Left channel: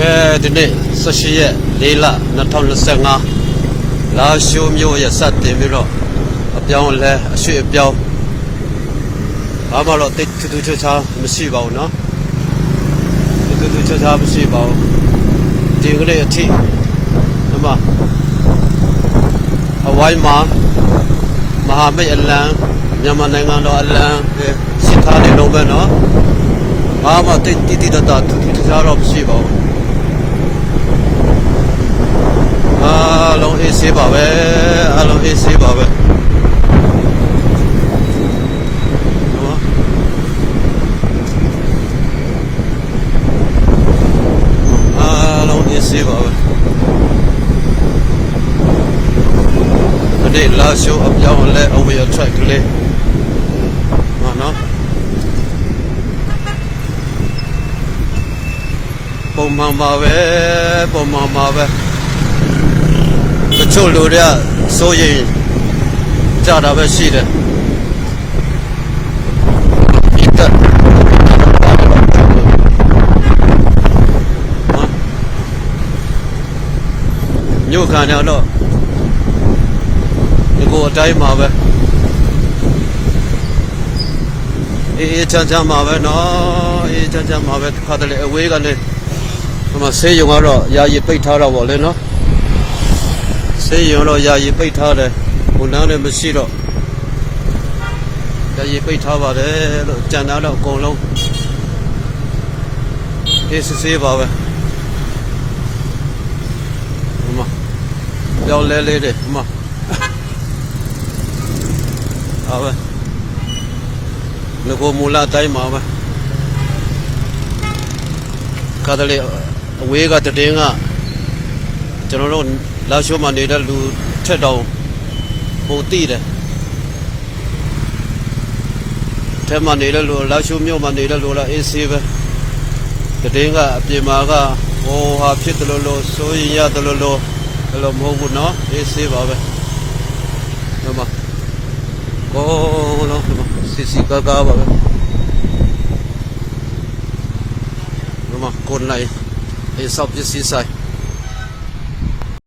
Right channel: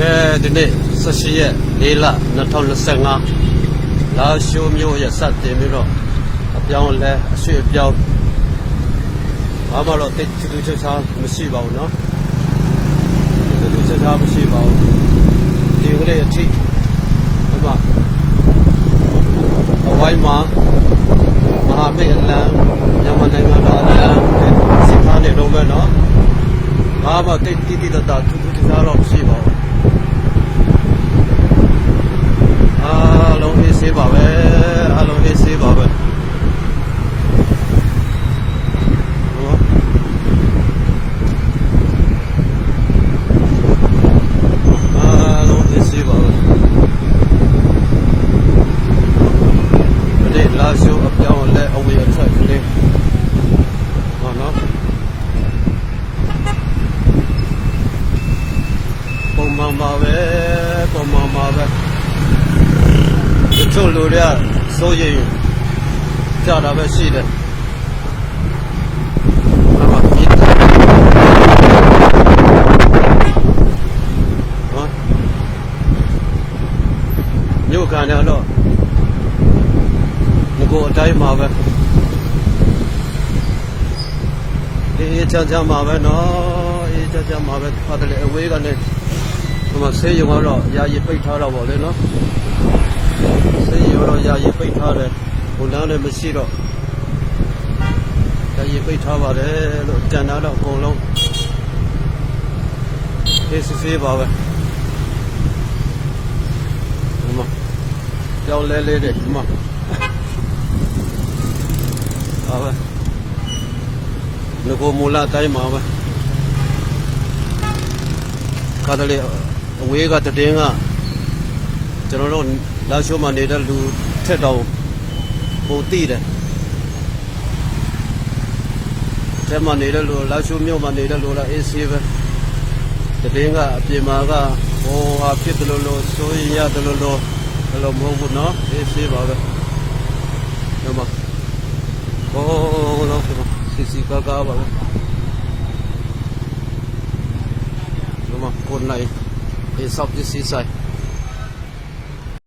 ကဲဒီနေ့18ရက်4လ2025လာရှိုးမျိုးရဲ့စတင်ပြီးတော့အပြောင်းလဲအရွှေ့အပြောင်းဘာမှတော့တိတ်တူတူချာချာမရှိပါဘူးเนาะတိတ်တူတူချာချာမရှိပါဘူးဒီကနေ့အထိဒီမှာအဝိုင်းမှာမဟာမိတ်အလံမြန်မာနိုင်ငံတော်အလံစီထားနေလုံးပဲเนาะဘာမှတိတ်တိတိတတ်တာတူတူချာချာတော့မရှိပါဘူး ပါပဲအားလုံးအေးဆေးပါပဲနော်အားလုံးအေးဆေးပါပဲအဲ့ဒီလာရှိုးအပြောင်းလဲအဝေးအထက်ကလေးဟောနော်ပုံမှန်ပါပဲပုံမှန်ပါပဲ တချို့လူတွေကစိုးရင်ကြတာပဲရှိတယ်ဒီကဟာမြို့ခံရတော့ဒီကိုအတိုင်းမှာပဲအေးအေးချမ်းချမ်းမှာပဲနော်အေးအေးချမ်းချမ်းမှာပဲခါတလေအဝေးကနေဟိုမှာဆေးရုံကတော့ယာယီပိတ်ထားတော့ဗောလေနော် ဆေးရုံတော့ယာယီပိတ်ထားတယ်ဝန်ထမ်းလည်းမရှိတော့ယာယီပိတ်ထားပါတယ်လို့ကြံတာတော့အကုန်လုံးအေးစစ်ဆေးပါပဲဒီမှာပြောင်းလဲလေးတယ်ဒီမှာဟာပဲငကိုမူလာတိုင်းမှာပဲခါတလေအဝေးကတည်င်းကကျွန်တော်တို့ လာရှိုးမှာနေတဲ့လူထက်တောင်ပုံတိတယ်ထဲမှာနေတဲ့လူလာရှိုးမြို့မှာနေတဲ့လူလားအေးဆေးပဲတည်င်းကအပြင်မှာကဟိုဟာဖြစ်တယ်လို့လို့စိုးရင်ရတယ်လို့လို့ဘယ်လိုမဟုတ်ဘူးနော်အေးဆေးပါပဲဒီမှာဘောလုံးဒီမှာစီစီကားကားပါပဲဒီမှာကိုနိုင်အေးဆော့ပစ္စည်းဆိုင်